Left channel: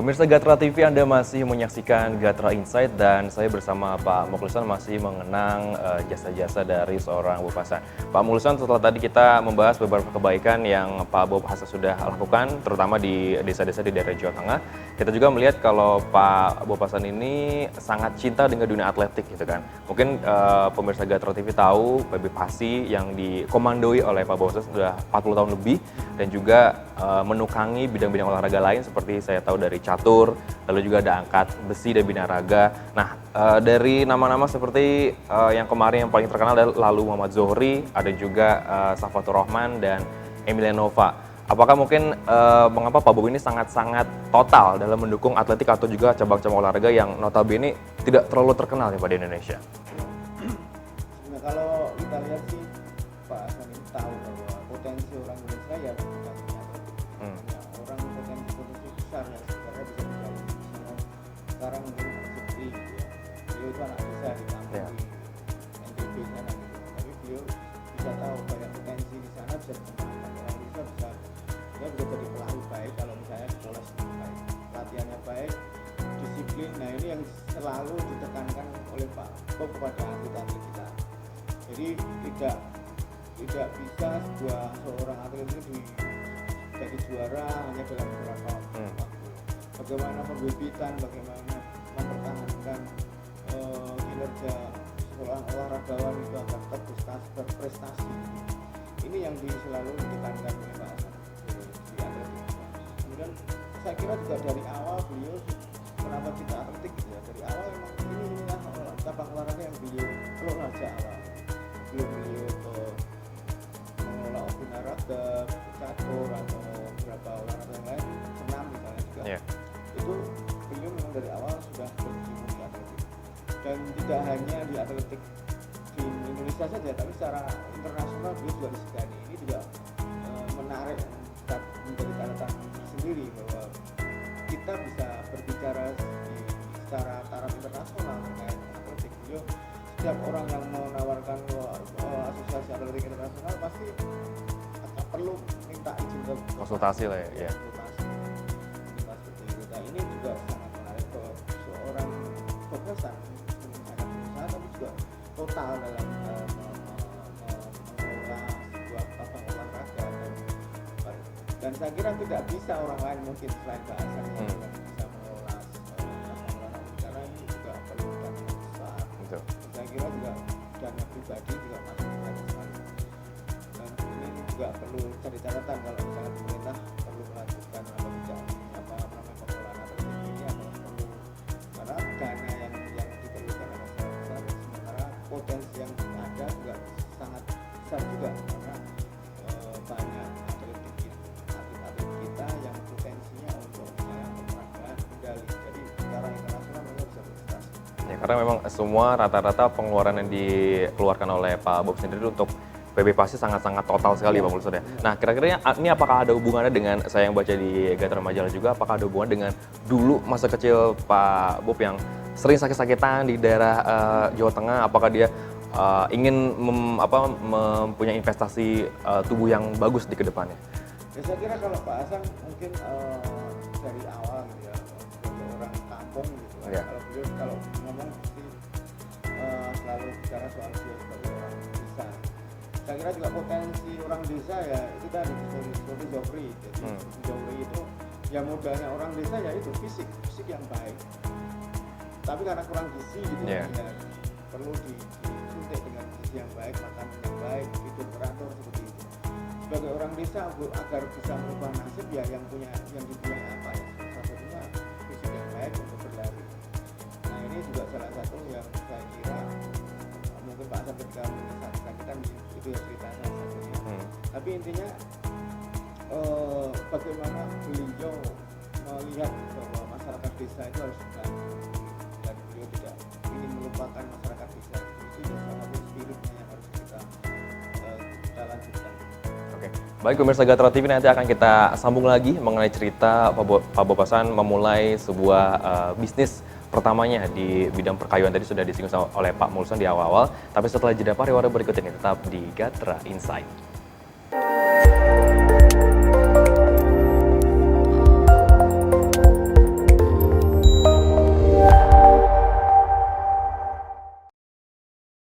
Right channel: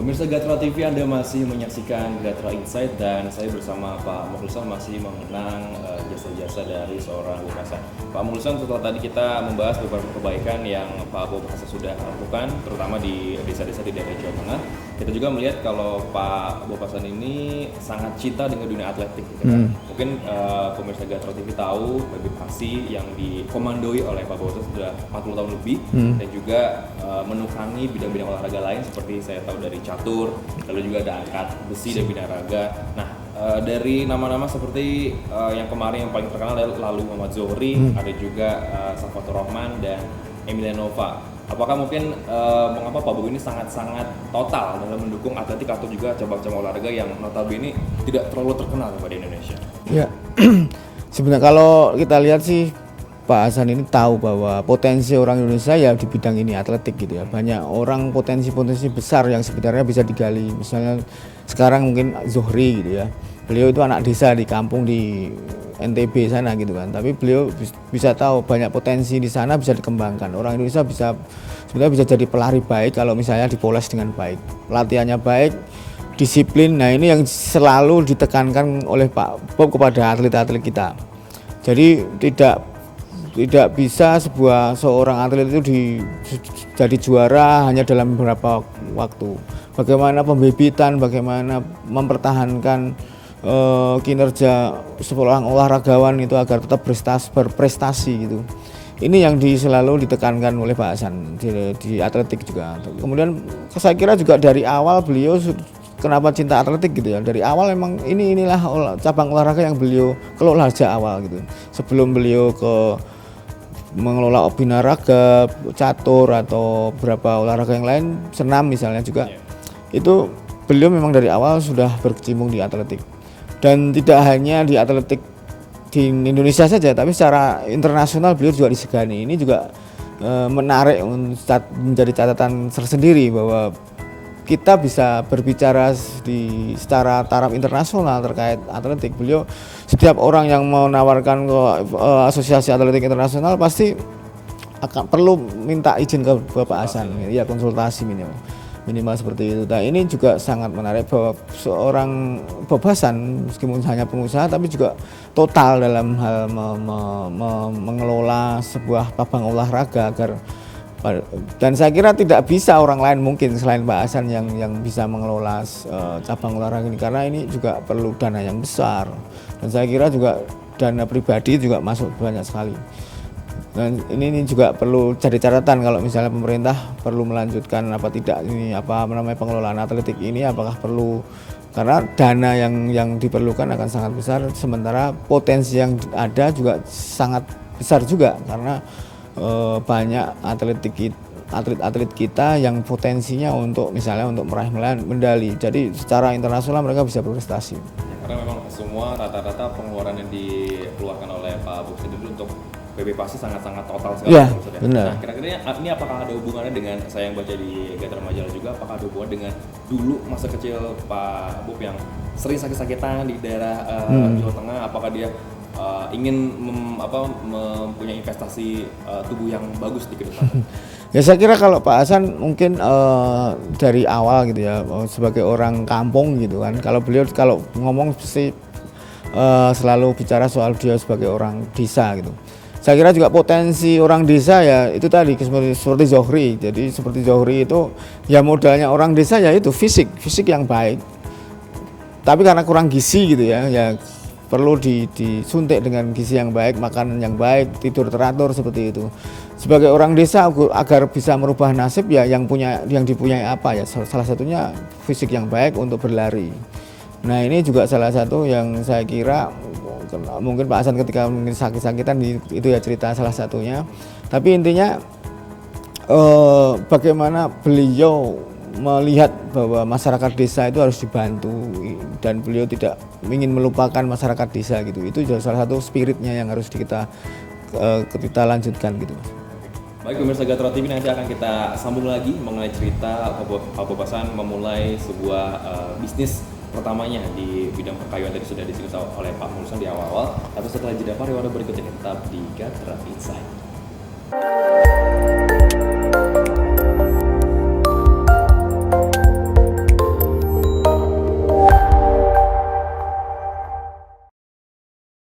Pemirsa Gatra TV, Anda masih menyaksikan Gatra Insight dan saya bersama Pak Mukhlisan masih mengenang jasa-jasa dari seorang Bob Hasan. Pak Mukhlisan, setelah tadi kita membahas beberapa kebaikan yang Pak Bob Hasan sudah lakukan, terutama di desa-desa di daerah Jawa Tengah, kita juga melihat kalau Pak Bob Hasan ini sangat cinta dengan dunia atletik, gitu kan. Mungkin pemirsa Gatra TV tahu PB Pasi yang dikomandoi oleh Pak Bob Hasan sudah 40 tahun lebih dan juga menukangi bidang-bidang olahraga lain seperti saya tahu dari catur, lalu juga ada angkat besi dan binaraga. Nah, dari nama-nama seperti yang kemarin yang paling terkenal adalah lalu Muhammad Zohri, ada juga Safatur Rahman dan Emilianova. Apakah mungkin mengapa Pak Bob ini sangat-sangat total dalam mendukung atletik atau juga cabang-cabang olahraga yang notabene tidak terlalu terkenal ya Pak di Indonesia? Ya, sebenarnya kalau kita lihat sih Pak Hasan ini tahu bahwa potensi orang Indonesia ya di bidang ini atletik gitu ya. Banyak orang potensi-potensi besar yang sebenarnya bisa digali. Misalnya sekarang mungkin Zohri gitu ya. Beliau itu anak desa di kampung di NTB sana gitu kan. Tapi beliau bisa tahu banyak potensi di sana bisa dikembangkan. Orang Indonesia sebenarnya bisa jadi pelari baik kalau misalnya dipoles dengan baik. Latihannya baik, disiplin. Nah, ini yang selalu ditekankan oleh Pak Bob kepada atlet-atlet kita. Jadi tidak bisa seorang atlet itu jadi juara hanya dalam beberapa waktu. Bagaimana pembibitan, bagaimana mempertahankan kinerja seorang olahragawan itu agar tetap berprestasi gitu. Ini yang selalu ditekankan oleh Pak Hasan di atletik juga. Kemudian saya kira juga dari awal beliau kenapa cinta atletik gitu ya. Dari awal memang inilah cabang olahraga yang beliau kelola sejak awal gitu. Sebelum beliau mengelola binaraga, catur atau beberapa olahraga yang lain, senam misalnya juga, itu beliau memang dari awal sudah berkecimpung di atletik. Dan tidak hanya di atletik di Indonesia saja, tapi secara internasional beliau juga disegani. Ini juga menarik menjadi catatan tersendiri bahwa kita bisa berbicara secara taraf internasional terkait atletik. Beliau, setiap orang yang mau menawarkan ke Asosiasi Atletik Internasional pasti akan perlu minta izin ke Bapak Hasan, ya konsultasi minimal seperti itu. Nah, ini juga sangat menarik bahwa seorang Bob Hasan meskipun hanya pengusaha tapi juga total dalam hal mengelola sebuah cabang olahraga dan saya kira tidak bisa orang lain mungkin selain Pak Hasan yang bisa mengelola cabang olahraga ini, karena ini juga perlu dana yang besar dan saya kira juga dana pribadi juga masuk banyak sekali. Dan ini juga perlu jadi catatan kalau misalnya pemerintah perlu melanjutkan apa tidak ini pengelolaan atletik ini, apakah perlu, karena dana yang diperlukan akan sangat besar, sementara potensi yang ada juga sangat besar juga karena banyak atlet kita yang potensinya untuk misalnya untuk meraih medali. Jadi secara internasional mereka bisa berprestasi. Ya, karena memang semua rata-rata pengeluaran yang dikeluarkan oleh Pak Bob sendiri untuk PB Pasi sangat-sangat total sekali. Ya, nah, kira-kira ini apakah ada hubungannya dengan, saya yang baca di Gatra Majalah juga, apakah ada hubungan dengan dulu masa kecil Pak Bob yang sering sakit-sakitan di daerah Jawa Tengah? Apakah dia ingin mempunyai investasi tubuh yang bagus di kedepannya? Ya, saya kira kalau Pak Hasan mungkin dari awal gitu ya, sebagai orang kampung gitu kan. Kalau beliau ngomong sih selalu bicara soal dia sebagai orang desa gitu. Saya kira juga potensi orang desa ya itu tadi seperti Zohri. Jadi seperti Zohri itu ya modalnya orang desa ya itu fisik yang baik. Tapi karena kurang gizi gitu ya perlu disuntik dengan gizi yang baik, makanan yang baik, tidur teratur seperti itu. Sebagai orang desa agar bisa merubah nasib ya yang dipunyai apa ya, salah satunya fisik yang baik untuk berlari. Nah, ini juga salah satu yang saya kira mungkin Pak Hasan ketika mungkin sakit-sakitan itu ya cerita salah satunya. Tapi intinya bagaimana beliau melihat bahwa masyarakat desa itu harus dibantu dan beliau tidak ingin melupakan masyarakat desa gitu. Itu juga salah satu spiritnya yang harus kita lanjutkan gitu. Baik, pemirsa Gatra TV, nanti akan kita sambung lagi mengenai cerita Pak Bob Hasan memulai sebuah bisnis pertamanya di bidang perkayuan. Tadi sudah disinggung oleh Pak Mukhlisan di awal-awal. Tapi setelah jeda pariwara berikut ini tetap di Gatra Insight.